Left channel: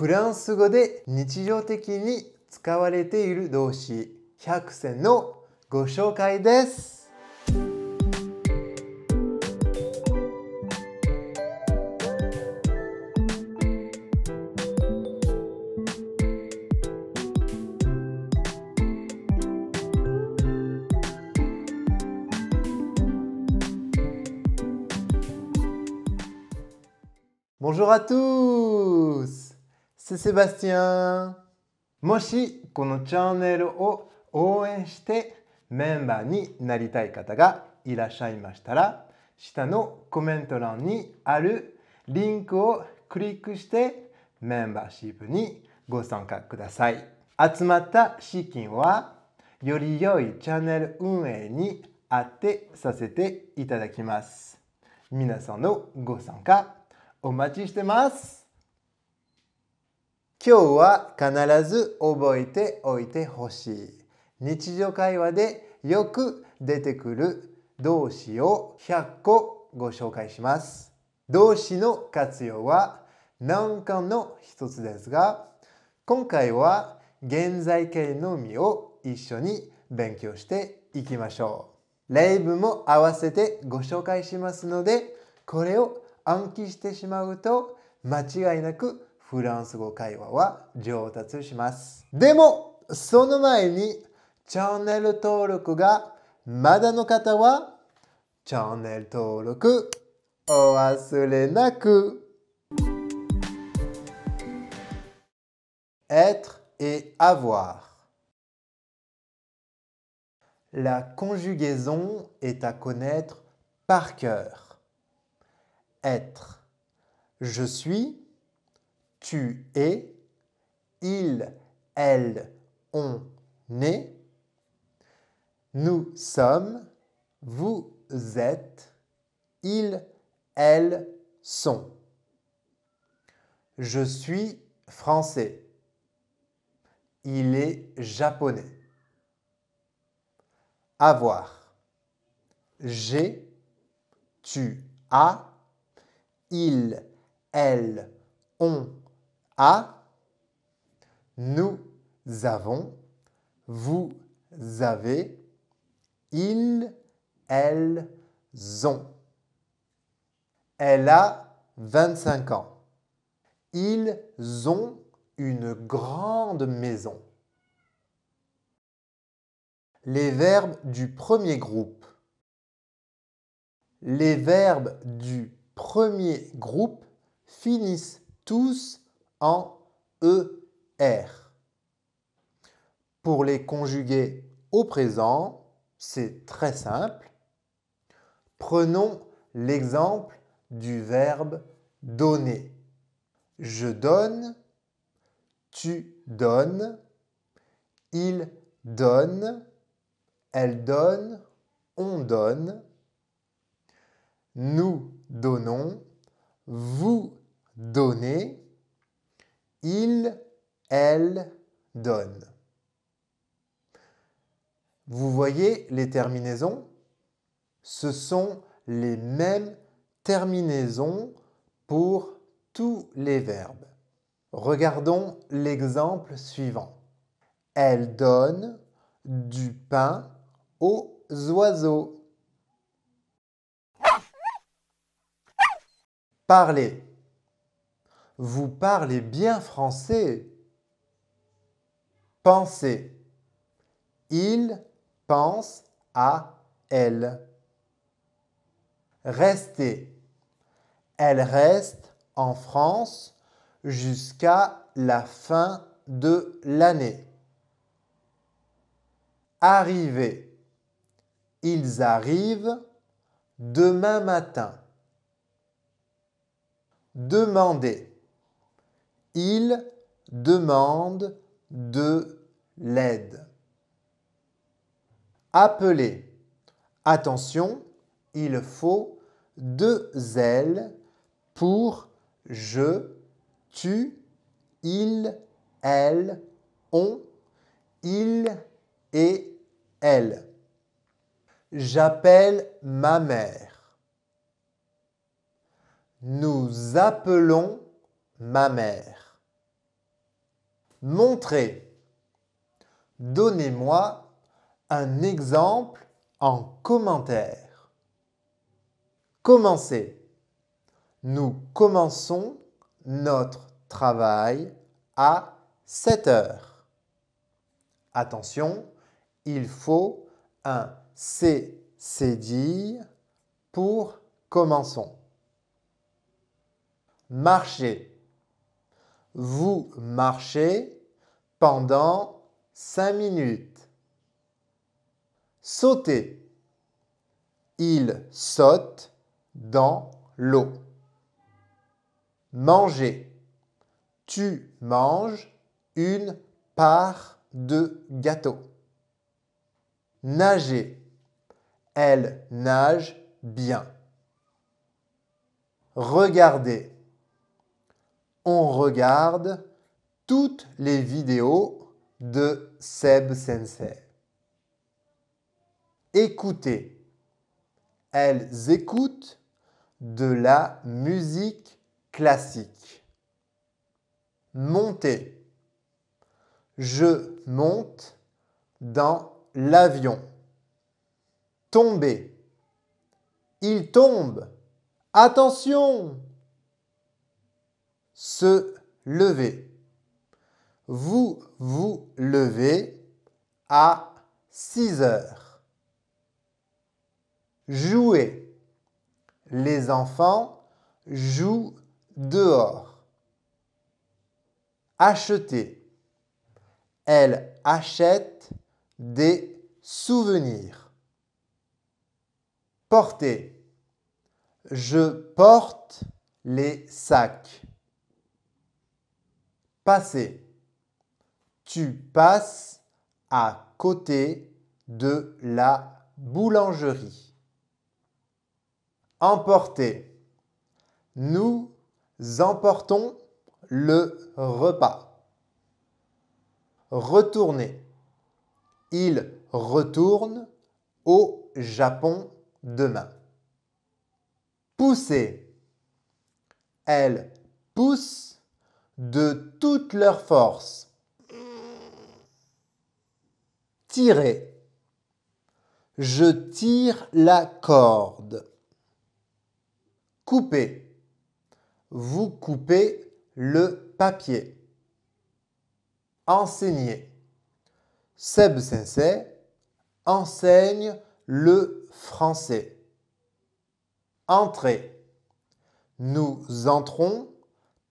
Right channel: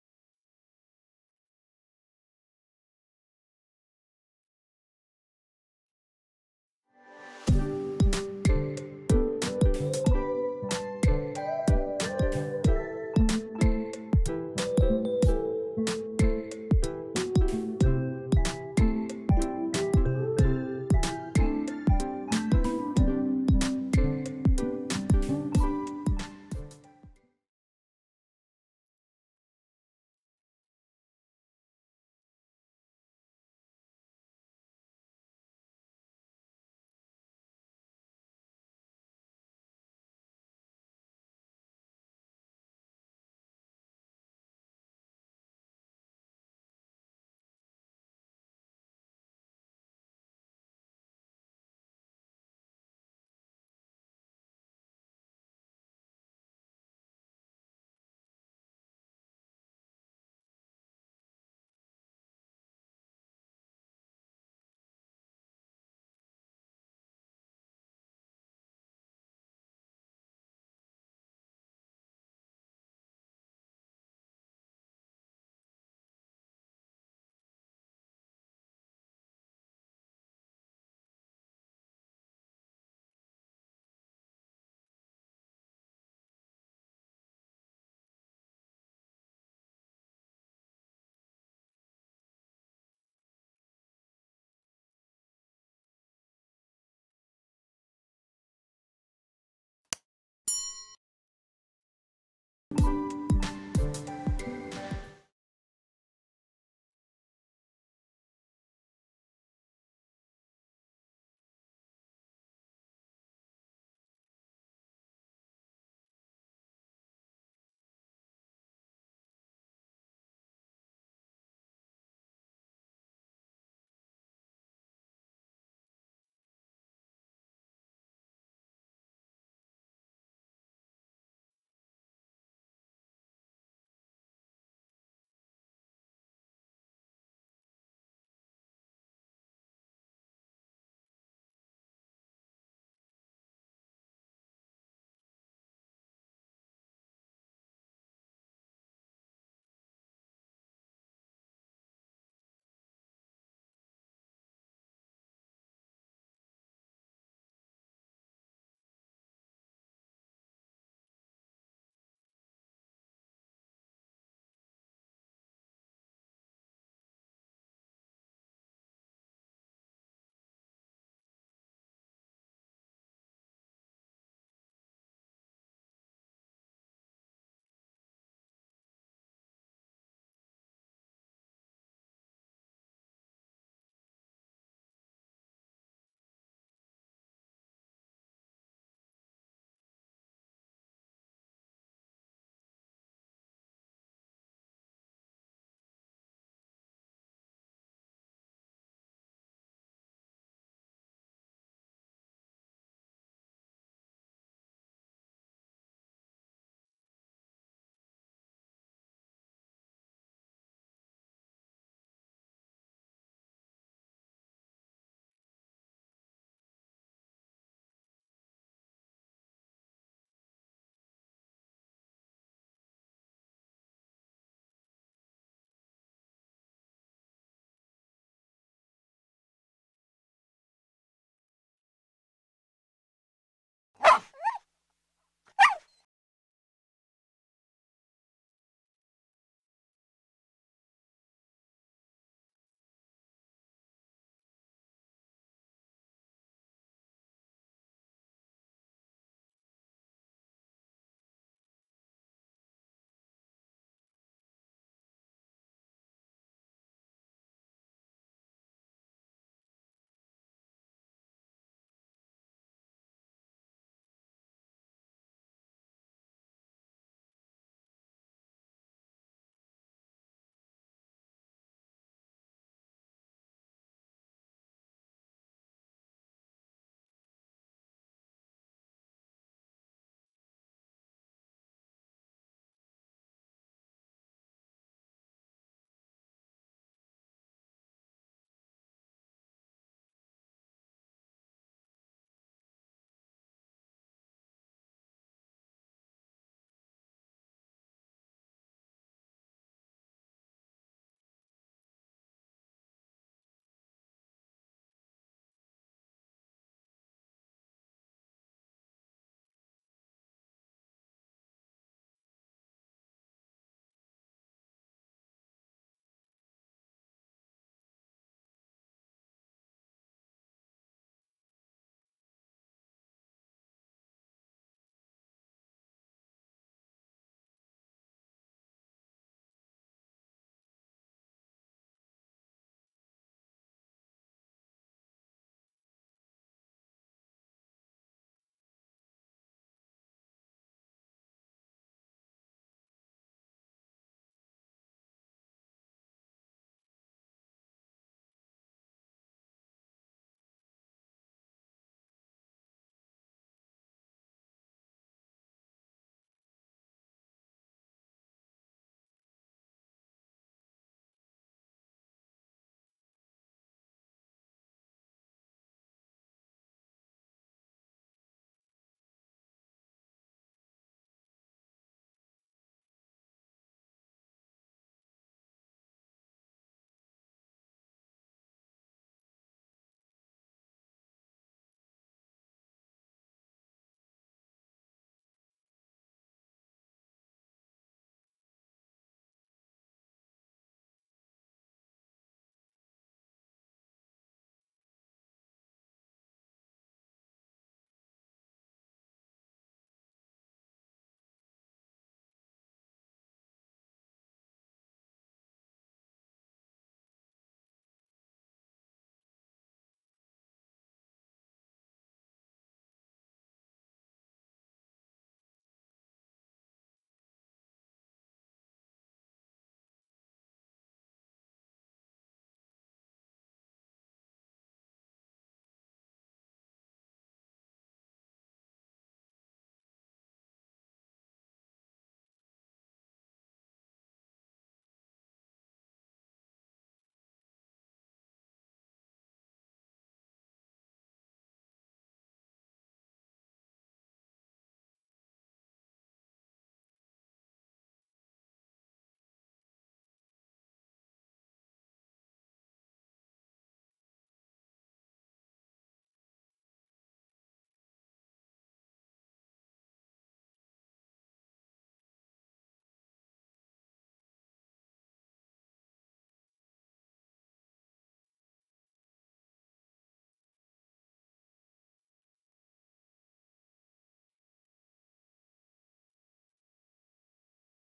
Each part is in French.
フランス語で日常的に使われている動詞100選のご紹介です。Bonjour à tous! C'est Sébastien! もしこのチャンネルを応援してメンバーになりたい方がいらっしゃいましたら、下のコメント欄にあるリンクをクリックしてメンバーシップにご参加ください。集まった資金はより良いチャンネル運営に当てさせていただきます。皆さんのご参加お待ちしてます。今日は必ず覚えておいてほしい。日常会話でよく出てくる動詞を100個ご紹介します。動詞の活用は難関の一つですが、今回は現在形のみを一緒に勉強していきましょう。例文も合わせてご紹介しますので、これを暗記してしまうと間違いなくフランス語会話は上達します。でもその前にチャンネル登録がまだの方はチャンネル登録お忘れなく。Être et avoir. La conjugaison est à connaître par cœur. Être. Je suis, tu es, il, elle, on est, nous sommes, vous êtes, ils, elles sont. Je suis français. Il est japonais. Avoir. J'ai, tu as, il, elle, on a, nous avons, vous avez, ils, elles ont. Elle a 25 ans. Ils ont une grande maison. Les verbes du premier groupe. Les verbes du premier groupe finissent tous en ER. Pour les conjuguer au présent, c'est très simple. Prenons l'exemple du verbe donner. Je donne, tu donnes, il donne, elle donne, on donne, nous donnons, vous donnez, il, elle donne. Vous voyez les terminaisons? Ce sont les mêmes terminaisons pour tous les verbes. Regardons l'exemple suivant. Elle donne du pain aux oiseaux. Parler. Vous parlez bien français. Penser. Il pense à elle. Rester. Elle reste en France jusqu'à la fin de l'année. Arriver. Ils arrivent demain matin. Demander. Ils demandent de l'aide. Appeler. Attention, il faut 2 L pour je, tu, il, elle, on, il et elle. J'appelle ma mère. Nous appelons ma mère. Montrer. Donnez-moi un exemple en commentaire. Commencer. Nous commençons notre travail à 7 heures. Attention, il faut un cédille pour commençons. Marcher. Vous marchez pendant 5 minutes. Sauter. Il saute dans l'eau. Manger. Tu manges une part de gâteau. Nager. Elle nage bien. Regarder. On regarde toutes les vidéos de Seb Sensei. Écouter. Elles écoutent de la musique classique. Monter. Je monte dans l'avion. Tomber. Il tombe. Attention! Se lever. Vous vous levez à 6 heures. Jouer. Les enfants jouent dehors. Acheter. Elle achète des souvenirs. Porter. Je porte les sacs. Passer. Tu passes à côté de la boulangerie. Emporter. Nous emportons le repas. Retourner. Il retourne au Japon demain. Pousser. Elles poussent de toute leur force. Tirer. Je tire la corde. Couper. Vous coupez le papier. Enseigner. Seb Sensei enseigne le français. Entrer. Nous entrons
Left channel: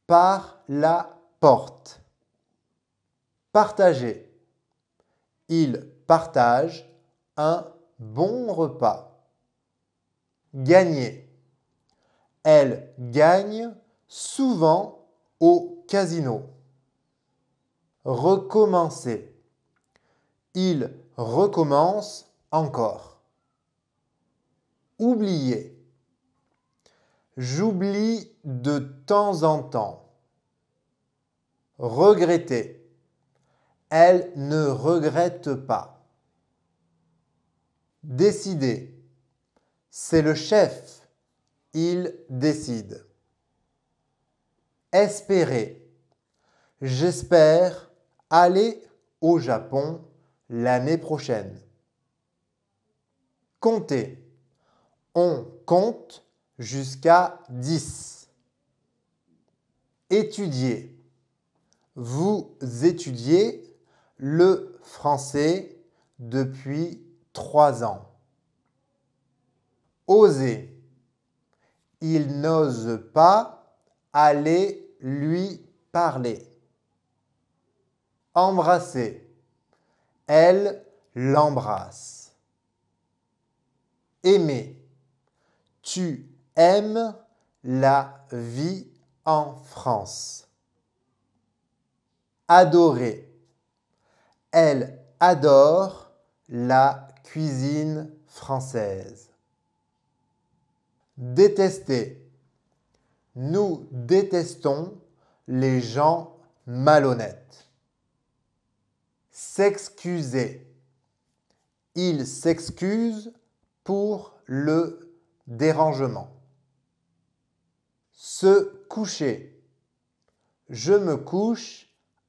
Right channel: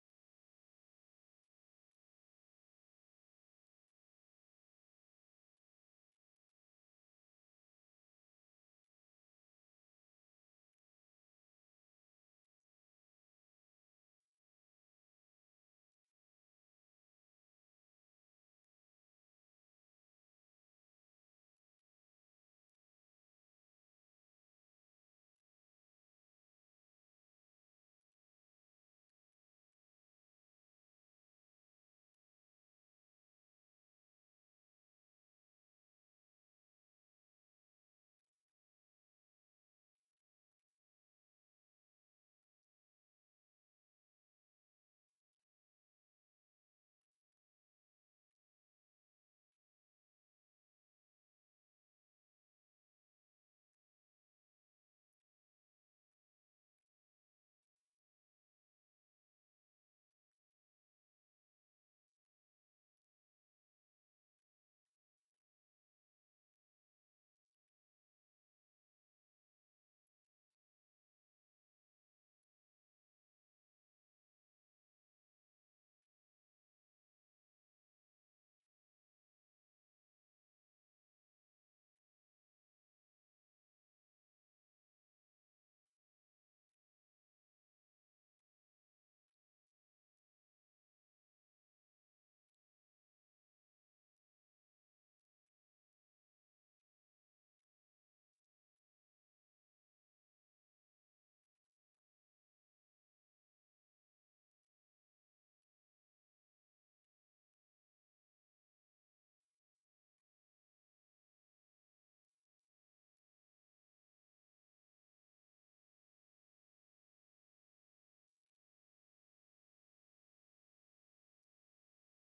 par la porte. Partager. Il partage un bon repas. Gagner. Elle gagne souvent au casino. Recommencer. Il recommence encore. Oublier. J'oublie de temps en temps. Regretter. Elle ne regrette pas. Décider. C'est le chef. Il décide. Espérer. J'espère aller au Japon l'année prochaine. Compter. On compte jusqu'à 10. Étudier. Vous étudiez le français depuis 3 ans. Oser. Il n'ose pas aller lui parler. Embrasser. Elle l'embrasse. Aimer. Tu aimes la vie en France. Adorer. Elle adore la cuisine française. Détester. Nous détestons les gens malhonnêtes. S'excuser. Il s'excuse pour le dérangement. Se coucher. Je me couche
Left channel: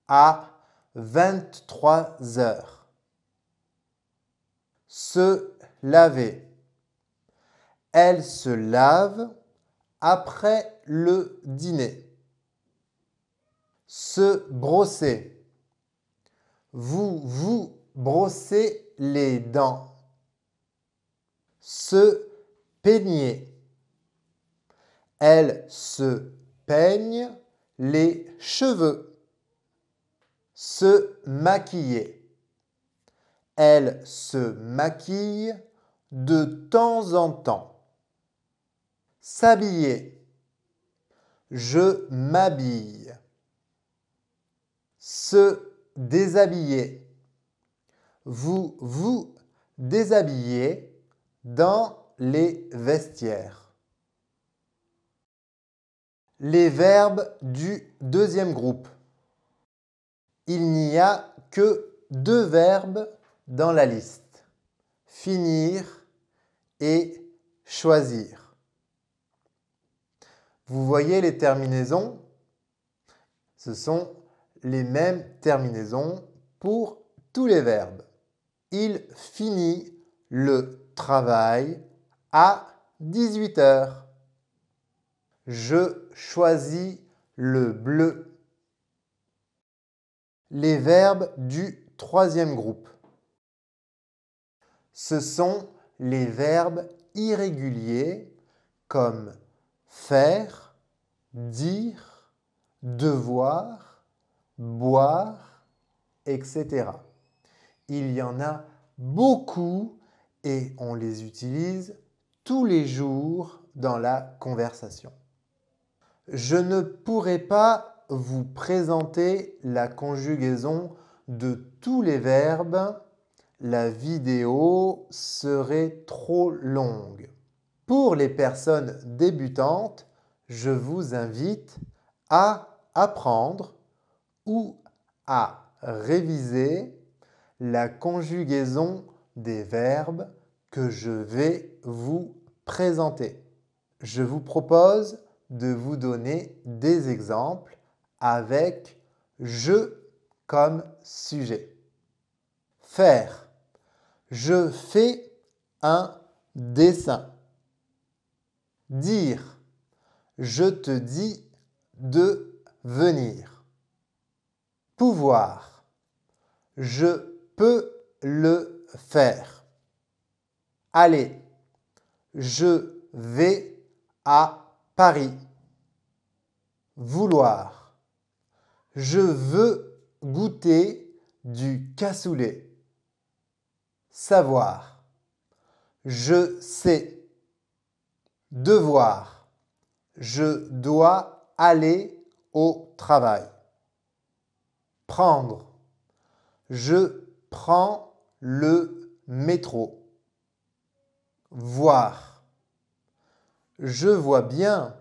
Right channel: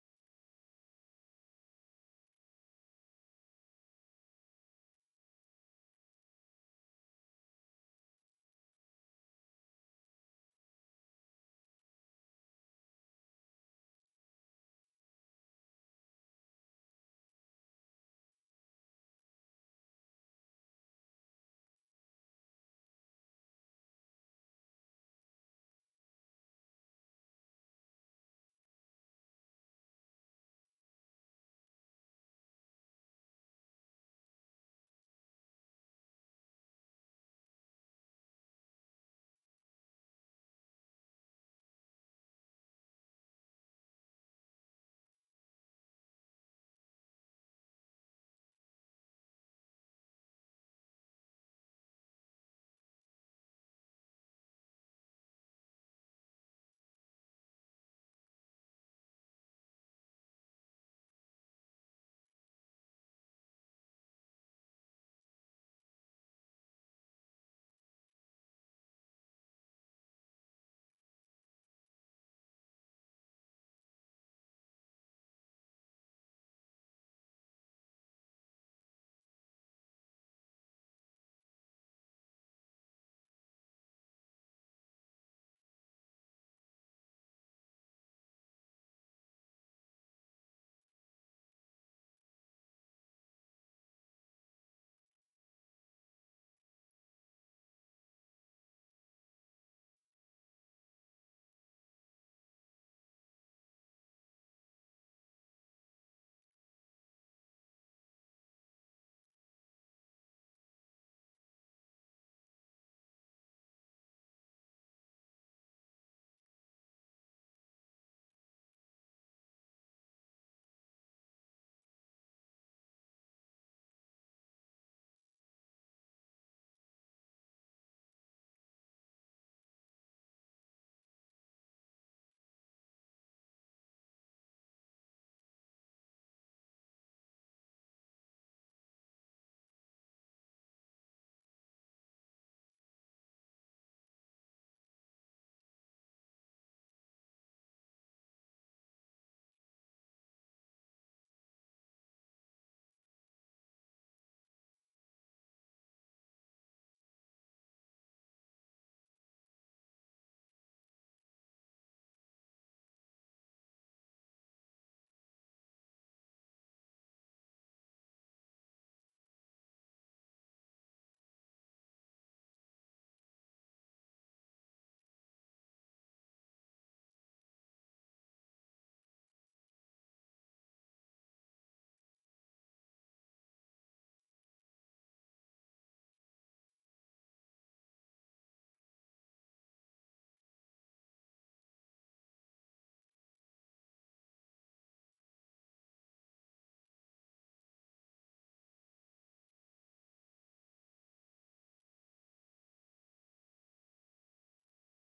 à 23 heures. Se laver. Elle se lave après le dîner. Se brosser. Vous vous brossez les dents. Se peigner. Elle se peigne les cheveux. Se maquiller. Elle se maquille de temps en temps. S'habiller. Je m'habille. Se déshabiller. Vous vous déshabillez dans les vestiaires. Les verbes du deuxième groupe. Il n'y a que 2 verbes dans la liste. Finir et choisir. Vous voyez les terminaisons? Ce sont les mêmes terminaisons pour tous les verbes. Il finit le travail à 18 heures. Je choisis le bleu. Les verbes du troisième groupe. Ce sont les verbes irréguliers comme faire, dire, devoir, boire, etc. Il y en a beaucoup et on les utilise tous les jours dans la conversation. Je ne pourrai pas vous présenter la conjugaison de tous les verbes. La vidéo serait trop longue. Pour les personnes débutantes, je vous invite à apprendre ou à réviser la conjugaison des verbes que je vais vous présenter. Je vous propose de vous donner des exemples avec « je » comme sujet. Faire. Je fais un dessin. Dire. Je te dis de venir. Pouvoir. Je peux le faire. Aller. Je vais à Paris. Vouloir. Je veux goûter du cassoulet. Savoir. Je sais. Devoir. Je dois aller au travail. Prendre. Je prends le métro. Voir. Je vois bien.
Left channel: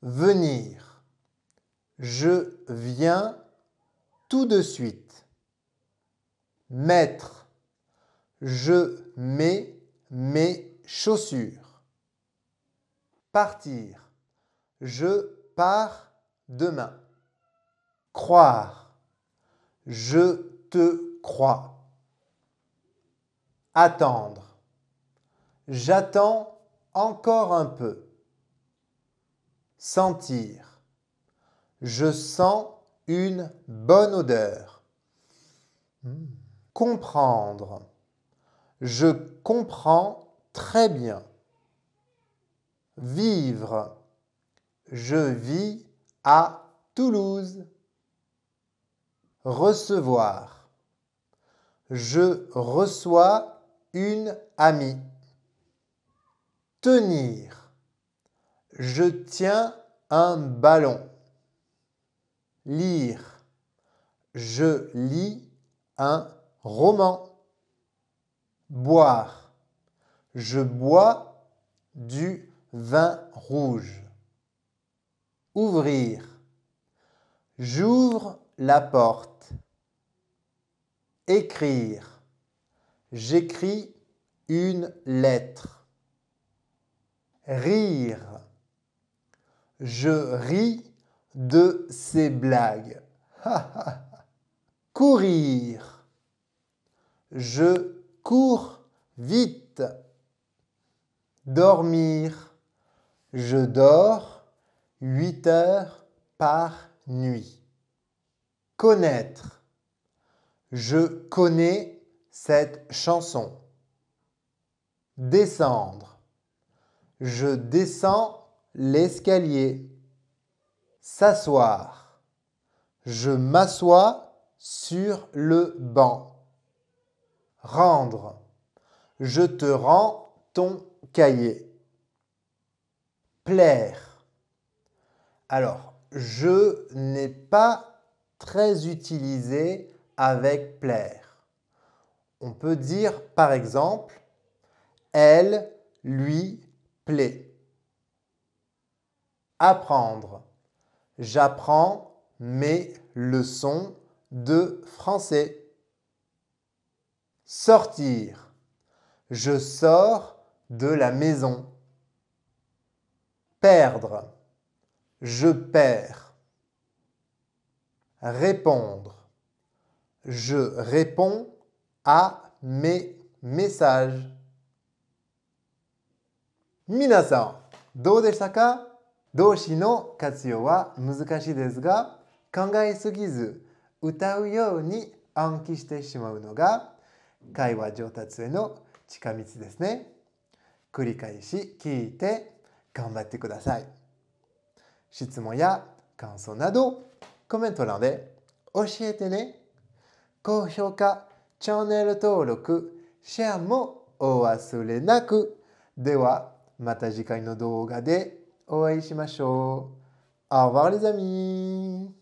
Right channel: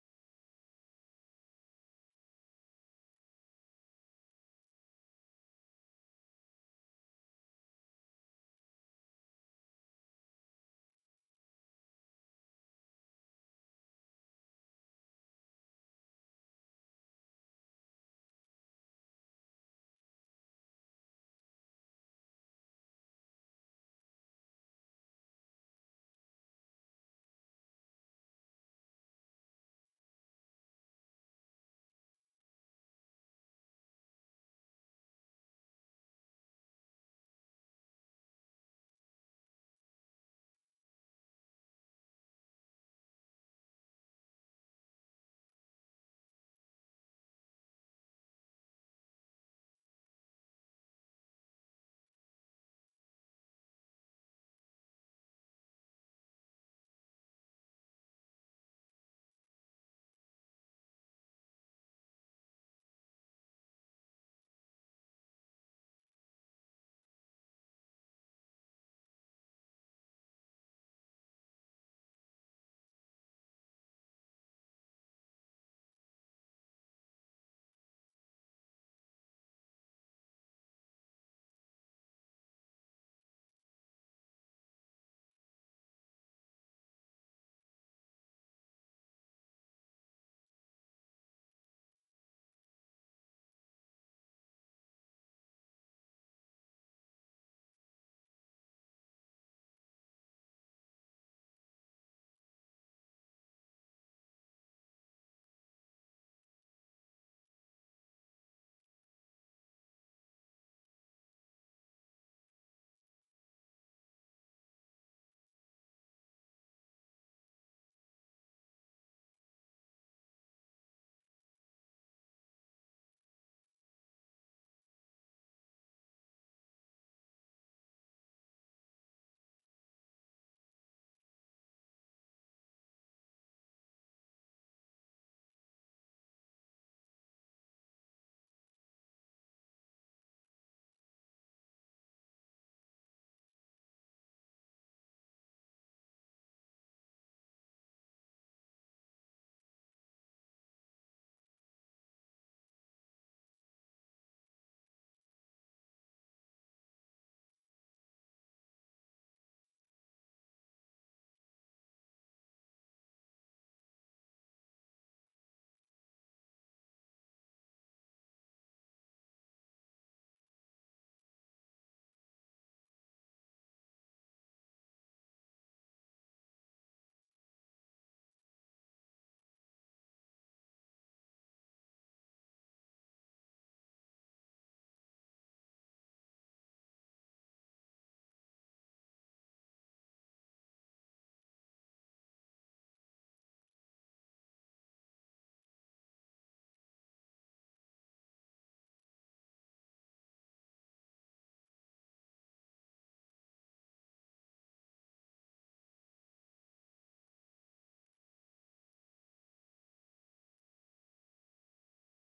Venir. Je viens tout de suite. Mettre. Je mets mes chaussures. Partir. Je pars demain. Croire. Je te crois. Attendre. J'attends encore un peu. Sentir. Je sens une bonne odeur. Comprendre. Je comprends très bien. Vivre. Je vis à Toulouse. Recevoir. Je reçois une amie. Tenir. Je tiens un ballon. Lire. Je lis un roman. Boire. Je bois du vin rouge. Ouvrir. J'ouvre la porte. Écrire. J'écris une lettre. Rire. Je ris de ces blagues. courir. Je cours vite. Dormir. Je dors 8 heures par nuit. Connaître. Je connais cette chanson. Descendre. Je descends l'escalier. S'asseoir. Je m'assois sur le banc. Rendre. Je te rends ton cahier. Plaire. Alors, je n'ai pas très utilisé avec plaire. On peut dire par exemple, elle lui plaît. Apprendre. J'apprends mes leçons de français. Sortir. Je sors de la maison. Perdre. Je perds. Répondre. Je réponds à mes messages. 皆さん、どうでしたか？動詞の活用は難しいですが、考えすぎず歌うように暗記してしまうのが会話上達への近道ですね。繰り返し聞いて頑張ってください。質問や感想などコメント欄で教えてね。高評価、チャンネル登録、シェアもお忘れなく。ではまた次回の動画でお会いしましょう。Au revoir les amis!